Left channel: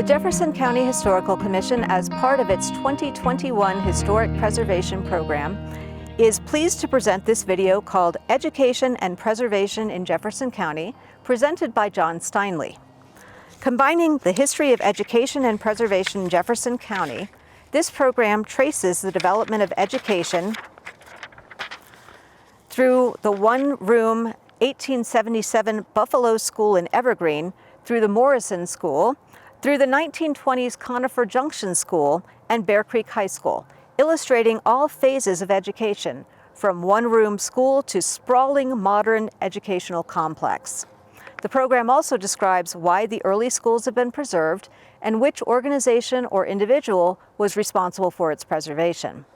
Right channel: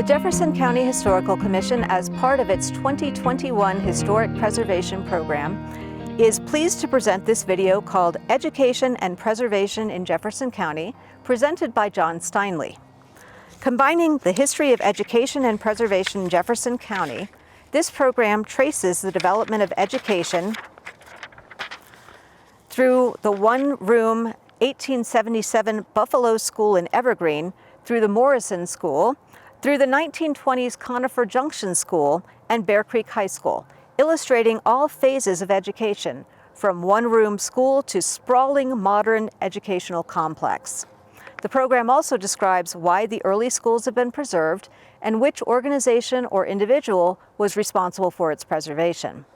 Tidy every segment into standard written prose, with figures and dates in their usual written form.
The Jefferson County Historical Commission, as part of its 2021 Historic Preservation Program, is pleased to present this video called Education and Preservation in Jefferson County, presented by John Steinle. Combining the history of education and preservation in Jefferson County, this program traces the development of education through the one-room 1877 Buffalo School in Evergreen, through the Morrison School, through the 1920s Conifer Junction School and Bear Creek High School, illustrating all phases of education, from one-room school to sprawling modern educational complex. The program also describes why the early schools have been preserved and which organization or individual was responsible for its preservation.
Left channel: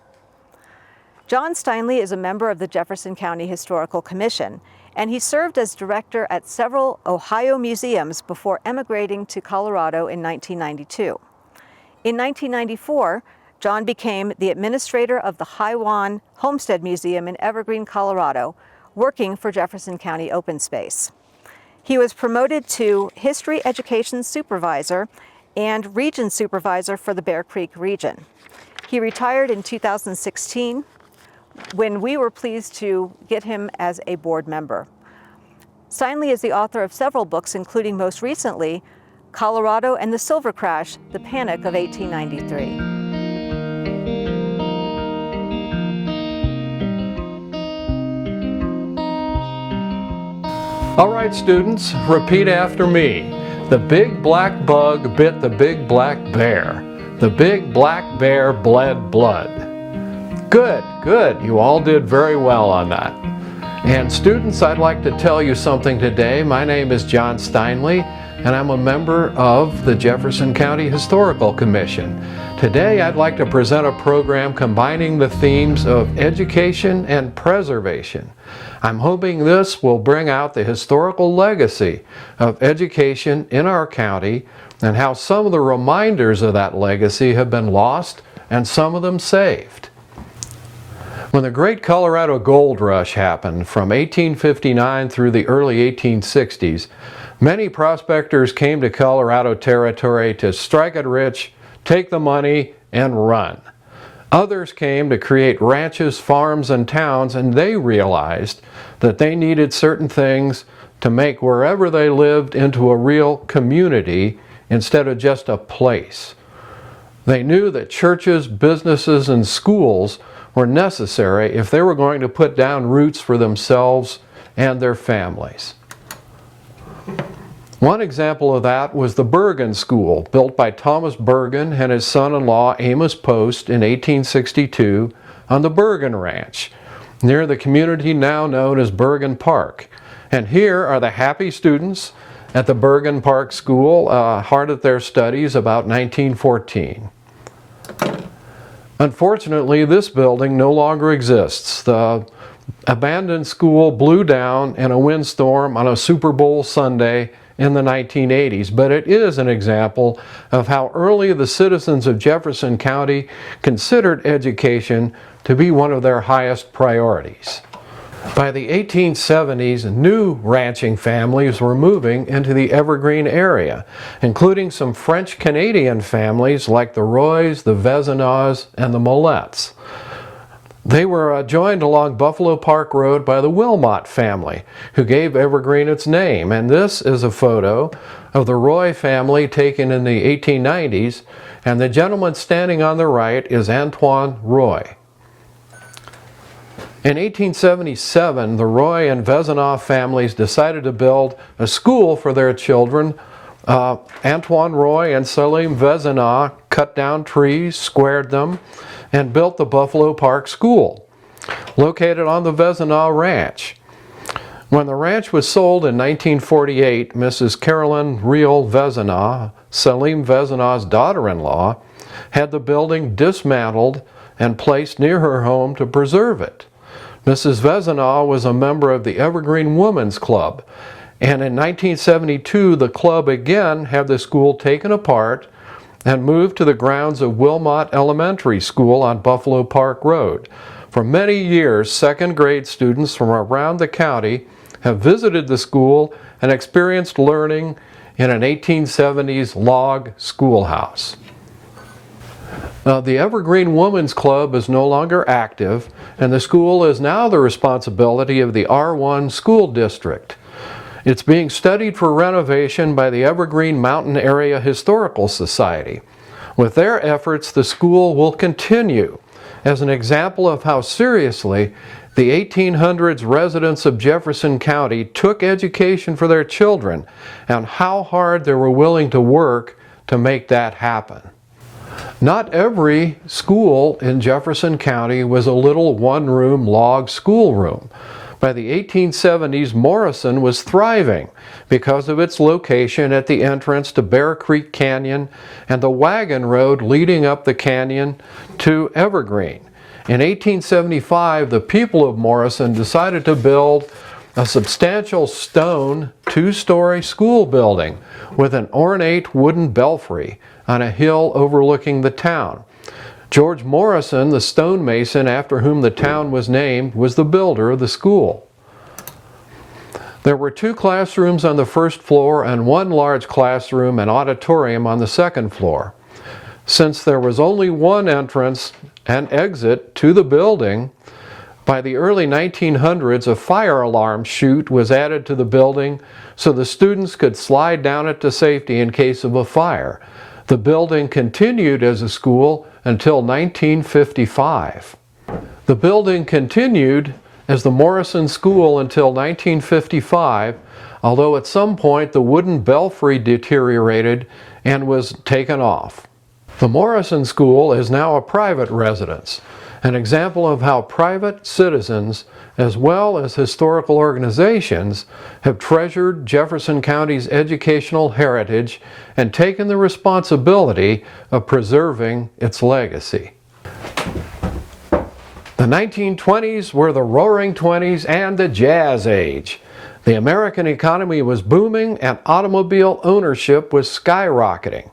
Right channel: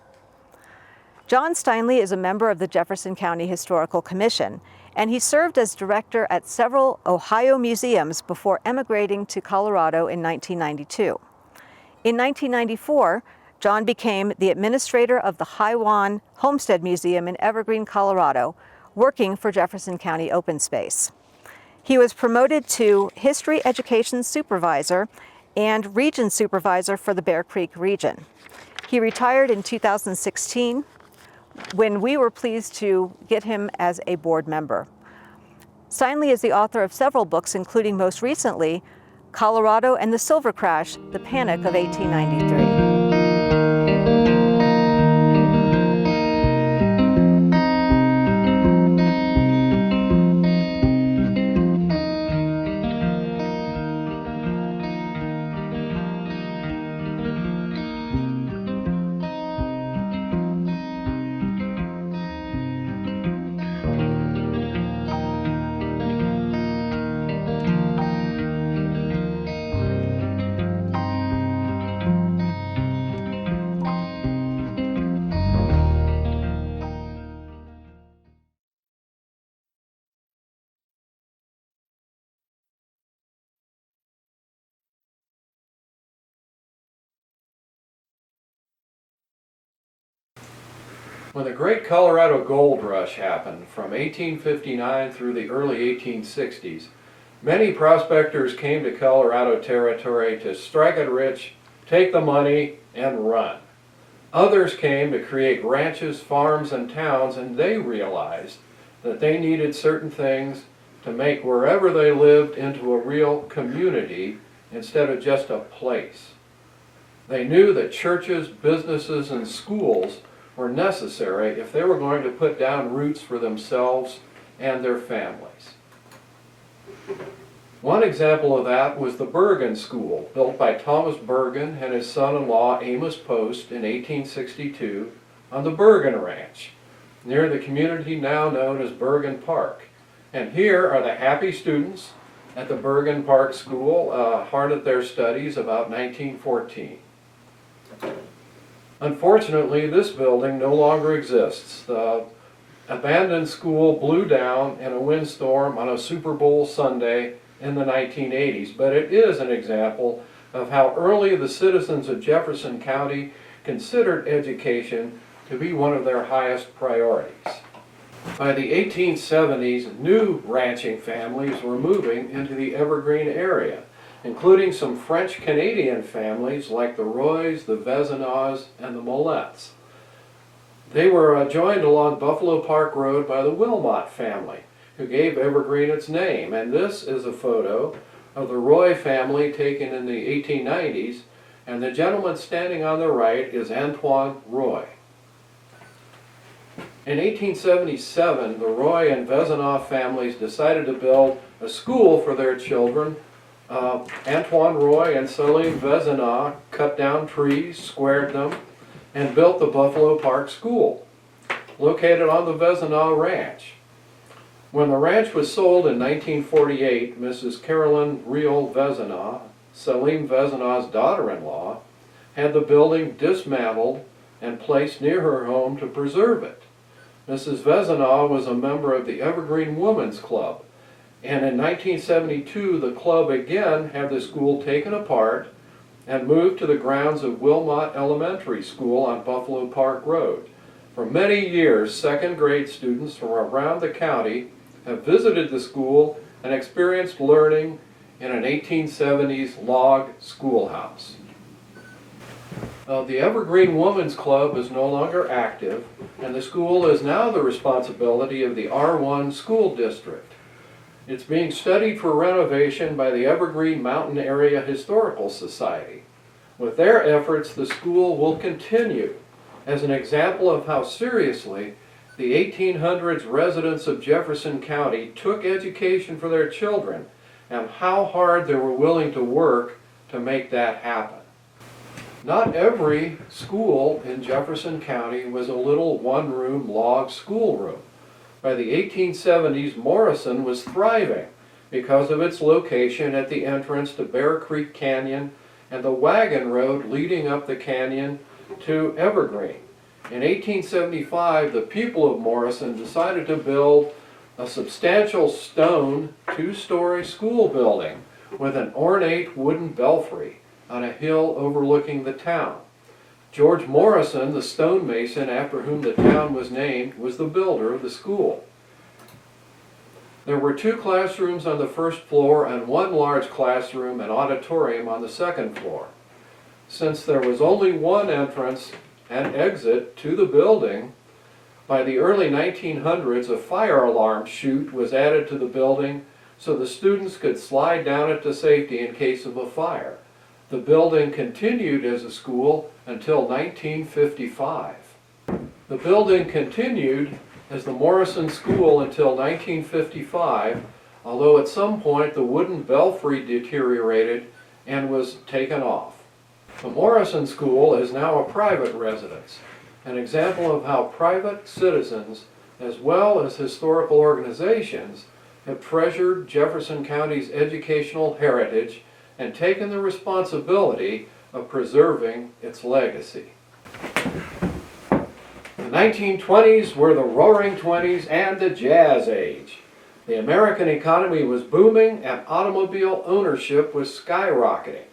John Steinle is a member of the Jefferson County Historical Commission, and he served as director at several Ohio museums before emigrating to Colorado in 1992. In 1994, John became the administrator of the Hiwan Homestead Museum in Evergreen, Colorado, working for Jefferson County Open Space. He was promoted to History Education Supervisor and Region Supervisor for the Bear Creek region. He retired in 2016, when we were pleased to get him as a board member. Steinle is the author of several books, including most recently, Colorado and the Silver Crash, The Panic of 1893. All right, students, repeat after me. The big black bug bit the big black bear. The big black bear bled blood. Good, good. You all did very well on that. And students, I'd like to tell you something today. My name is John Steinle, and I'm a member of the Jefferson County Historical Commission. Today, I'd like to present a program combining the themes of education and preservation. I'm hoping this will bring out the historical legacy of education in our county and how some of the reminders of that legacy have been lost and some of them saved. When the Great Colorado Gold Rush happened from 1859 through the early 1860s, many prospectors came to Colorado Territory to strike it rich, take the money, and run. Others came to create ranches, farms, and towns, and they realized that they needed certain things to make wherever they lived into a real community instead of just a place. They knew that churches, businesses, and schools were necessary if they were going to put down roots for themselves and their families. One example of that was the Bergen School, built by Thomas Bergen and his son-in-law Amos Post in 1862 on the Bergen Ranch, near the community now known as Bergen Park. And here are the happy students at the Bergen Park School, hard at their studies about 1914. Unfortunately, this building no longer exists. The abandoned school blew down in a windstorm on a Super Bowl Sunday in the 1980s, but it is an example of how early the citizens of Jefferson County considered education to be one of their highest priorities. By the 1870s, new ranching families were moving into the Evergreen area, including some French-Canadian families like the Roys, the Vezinaws, and the Mollets. They were joined along Buffalo Park Road by the Wilmot family, who gave Evergreen its name. And this is a photo of the Roy family taken in the 1890s, and the gentleman standing on the right is Antoine Roy. In 1877, the Roy and Vezinaw families decided to build a school for their children. Antoine Roy and Salim Vezinaw cut down trees, squared them, and built the Buffalo Park School, located on the Vezinaw Ranch. When the ranch was sold in 1948, Mrs. Carolyn Reel Vezinaw, Salim Vezinaw's daughter-in-law, had the building dismantled and placed near her home to preserve it. Mrs. Vezinaw was a member of the Evergreen Women's Club, and in 1972 the club again had the school taken apart and moved to the grounds of Wilmot Elementary School on Buffalo Park Road. For many years, second grade students from around the county have visited the school and experienced learning in an 1870s log schoolhouse. Now, the Evergreen Women's Club is no longer active, and the school is now the responsibility of the R1 School District. It's being studied for renovation by the Evergreen Mountain Area Historical Society. With their efforts, the school will continue as an example of how seriously the 1800s residents of Jefferson County took education for their children and how hard they were willing to work to make that happen. Not every school in Jefferson County was a little one-room log schoolroom. By the 1870s, Morrison was thriving because of its location at the entrance to Bear Creek Canyon and the wagon road leading up the canyon to Evergreen. In 1875, the people of Morrison decided to build a substantial stone two-story school building with an ornate wooden belfry on a hill overlooking the town. George Morrison, the stonemason after whom the town was named, was the builder of the school. There were 2 classrooms on the first floor and 1 large classroom and auditorium on the second floor. Since there was only 1 entrance and exit to the building, by the early 1900s a fire alarm chute was added to the building so the students could slide down it to safety in case of a fire. The building continued as a school until 1955. The building continued as the Morrison School until 1955, although at some point the wooden belfry deteriorated and was taken off. The Morrison School is now a private residence, an example of how private citizens, as well as historical organizations, have treasured Jefferson County's educational heritage and taken the responsibility of preserving its legacy. The 1920s were the Roaring Twenties and the Jazz Age. The American economy was booming and automobile ownership was skyrocketing,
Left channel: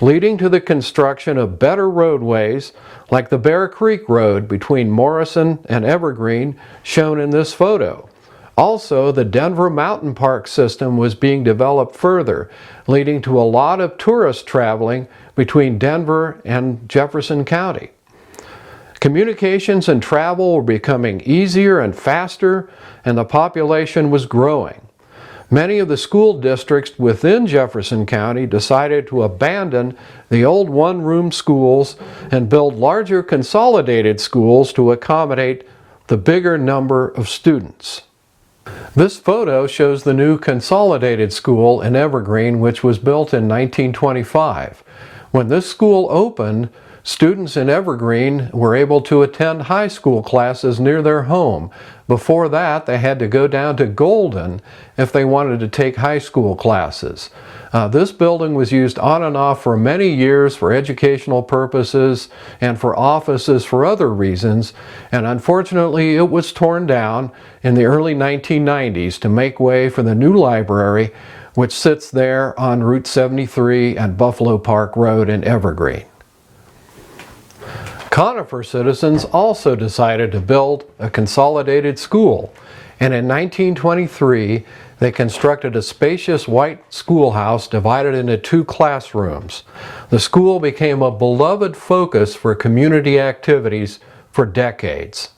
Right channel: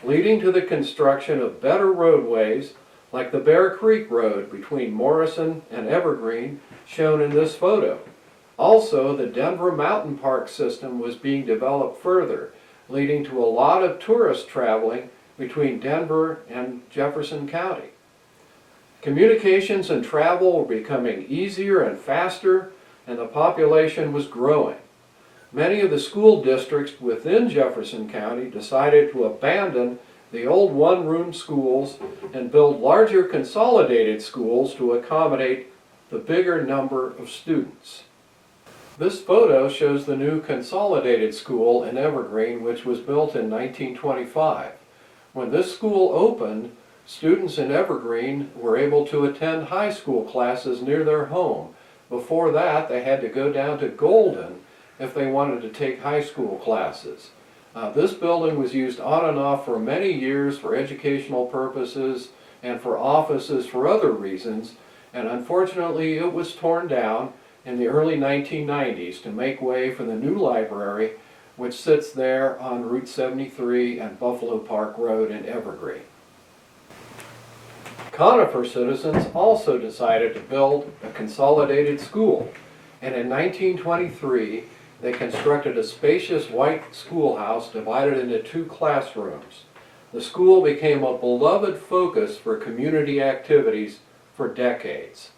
leading to the construction of better roadways like the Bear Creek Road between Morrison and Evergreen, shown in this photo. Also, the Denver Mountain Park system was being developed further, leading to a lot of tourist traveling between Denver and Jefferson County. Communications and travel were becoming easier and faster, and the population was growing. Many of the school districts within Jefferson County decided to abandon the old one-room schools and build larger consolidated schools to accommodate the bigger number of students. This photo shows the new consolidated school in Evergreen, which was built in 1925. When this school opened, students in Evergreen were able to attend high school classes near their home. Before that, they had to go down to Golden if they wanted to take high school classes. This building was used on and off for many years for educational purposes and for offices for other reasons, and unfortunately it was torn down in the early 1990s to make way for the new library, which sits there on Route 73 and Buffalo Park Road in Evergreen. Conifer citizens also decided to build a consolidated school, and in 1923 they constructed a spacious white schoolhouse divided into 2 classrooms. The school became a beloved focus for community activities for decades.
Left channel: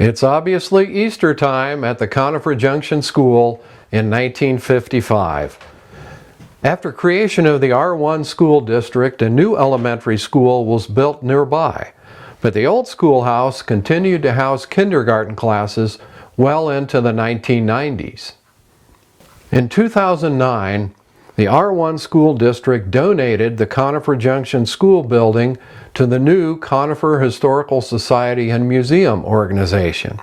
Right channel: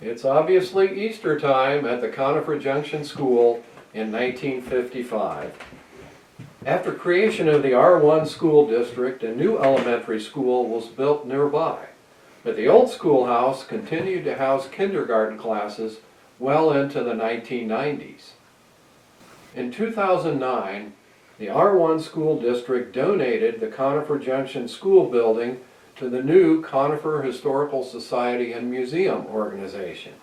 It's obviously Easter time at the Conifer Junction School in 1955. After creation of the R1 school district, a new elementary school was built nearby, but the old schoolhouse continued to house kindergarten classes well into the 1990s. In 2009, the R1 school district donated the Conifer Junction School building to the new Conifer Historical Society and Museum organization.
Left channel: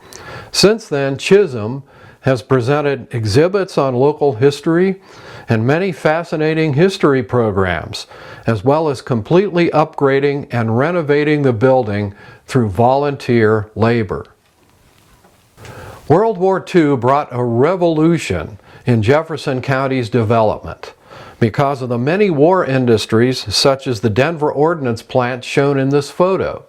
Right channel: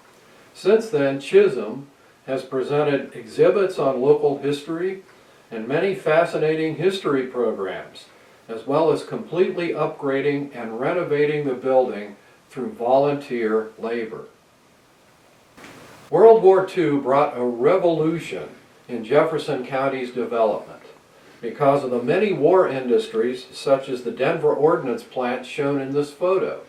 Since then, Chisholm has presented exhibits on local history and many fascinating history programs, as well as completely upgrading and renovating the building through volunteer labor. World War II brought a revolution in Jefferson County's development because of the many war industries such as the Denver Ordnance Plant shown in this photo.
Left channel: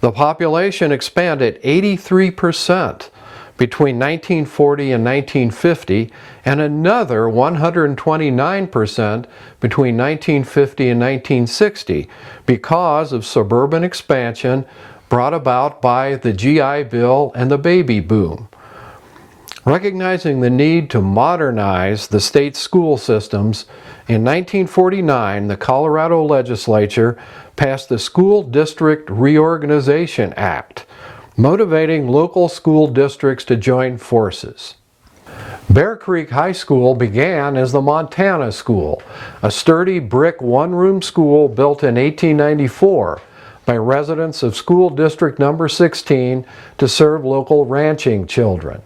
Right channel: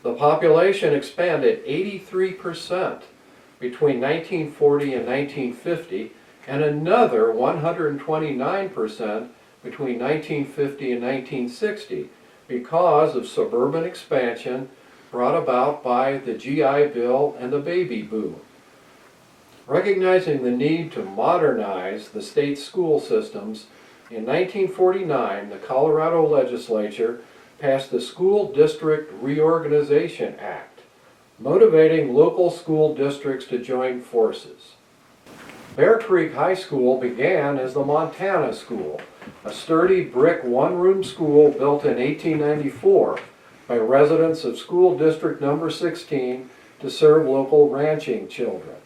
The population expanded 83% between 1940 and 1950, and another 129% between 1950 and 1960 because of suburban expansion brought about by the GI Bill and the baby boom. Recognizing the need to modernize the state school systems, in 1949 the Colorado legislature passed the School District Reorganization Act, motivating local school districts to join forces. Bear Creek High School began as the Montana School, a sturdy brick one-room school built in 1894 by residents of School District Number 16 to serve local ranching children.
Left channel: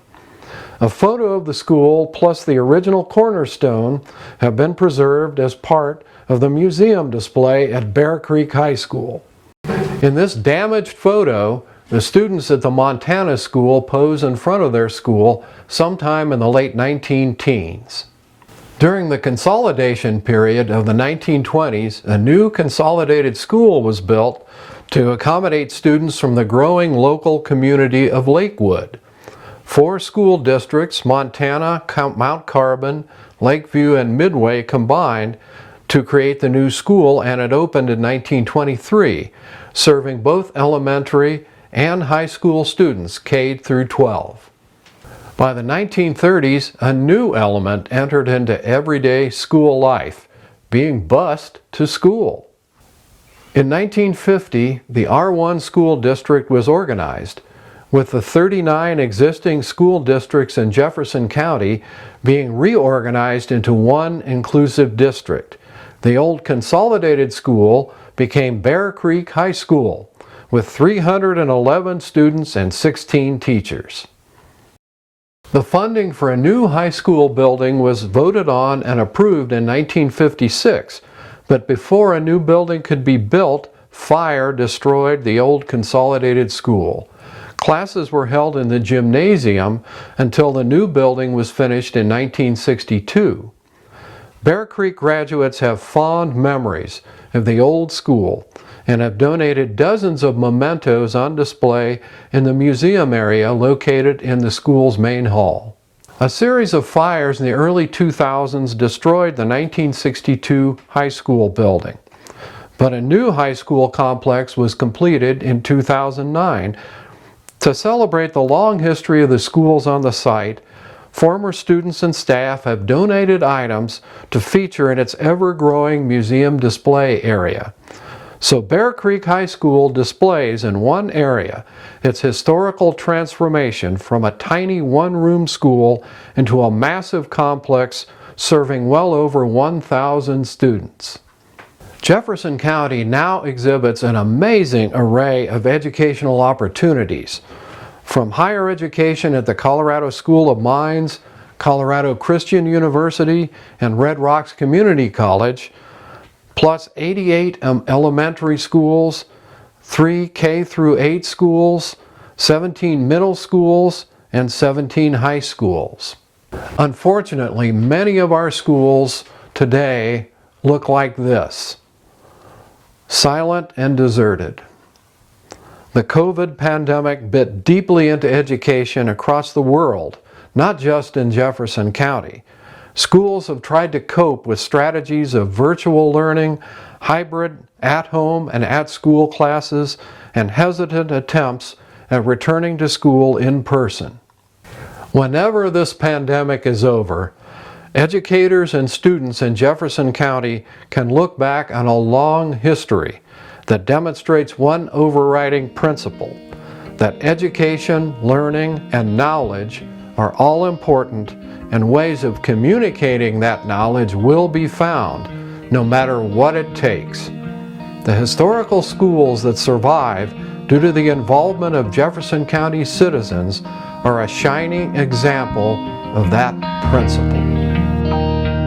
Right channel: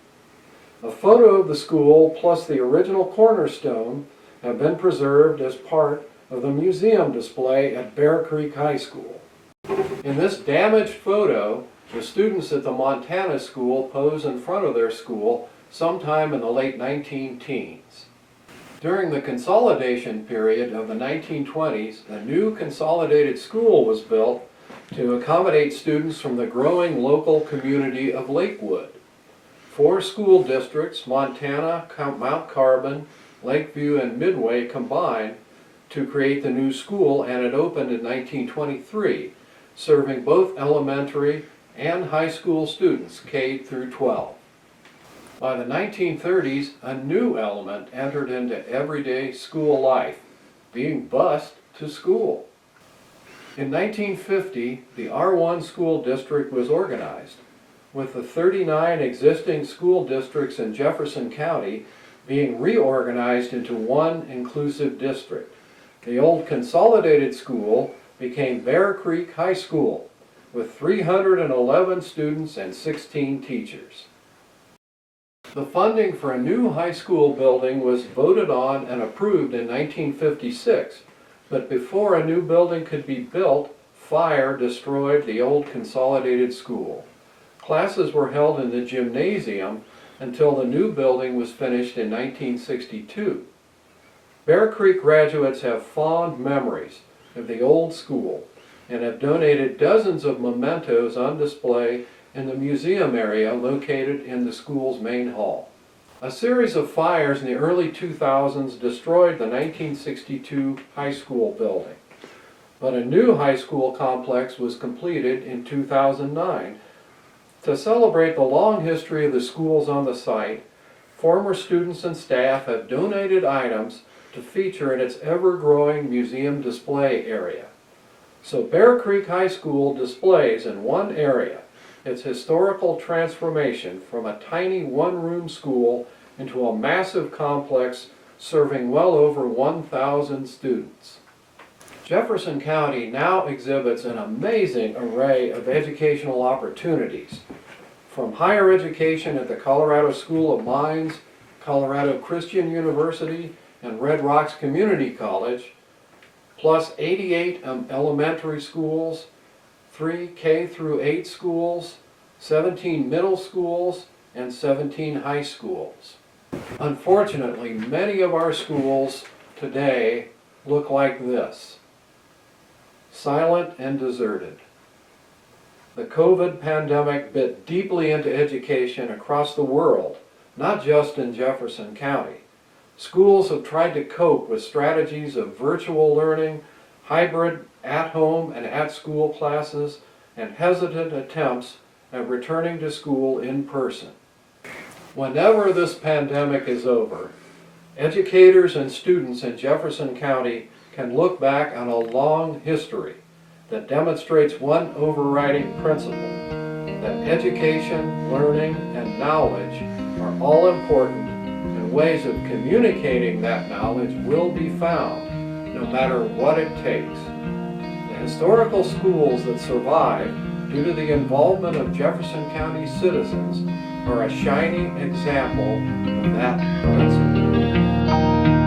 A photo of the school plus the original cornerstone have been preserved as part of the museum display at Bear Creek High School. In this damaged photo, the students at the Montana School pose in front of their school sometime in the late 19-teens. During the consolidation period of the 1920s, a new consolidated school was built to accommodate students from the growing local community of Lakewood. 4 school districts, Montana, Mount Carbon, Lakeview, and Midway, combined to create the new school, and it opened in 1923, serving both elementary and high school students, K through 12. By the 1930s, a new element entered into everyday school life, being bused to school. In 1950, the R1 school district was organized, with the 39 existing school districts in Jefferson County being reorganized into one inclusive district. The old consolidated school became Bear Creek High School, with 311 students and 16 teachers. The funding for a new high school building was voted on and approved in 1956, but before a new building could be built, fire destroyed the old consolidated school. Classes were held in the gymnasium until the new building was finished in 1962. Bear Creek graduates have fond memories of the old school and have donated dozens of mementos on display in the museum area located in the school's main hall. A series of fires in the early 2000s destroyed the 1962 high school building, but a new high school complex was completed in 2009. To celebrate the long history of the schools on the site, former students and staff have donated items to feature in its ever-growing museum display area. So Bear Creek High School displays in one area its historical transformation from a tiny one-room school into a massive complex serving well over 1,000 students. Jefferson County now exhibits an amazing array of educational opportunities, from higher education at the Colorado School of Mines, Colorado Christian University, and Red Rocks Community College, plus 88 elementary schools, 3 K through 8 schools, 17 middle schools, and 17 high schools. Unfortunately, many of our schools today look like this: silent and deserted. The COVID pandemic bit deeply into education across the world, not just in Jefferson County. Schools have tried to cope with strategies of virtual learning, hybrid, at-home and at-school classes, and hesitant attempts at returning to school in person. Whenever this pandemic is over, educators and students in Jefferson County can look back on a long history that demonstrates one overriding principle: that education, learning, and knowledge are all important, and ways of communicating that knowledge will be found, no matter what it takes. The historical schools that survive due to the involvement of Jefferson County citizens are a shining example of that principle.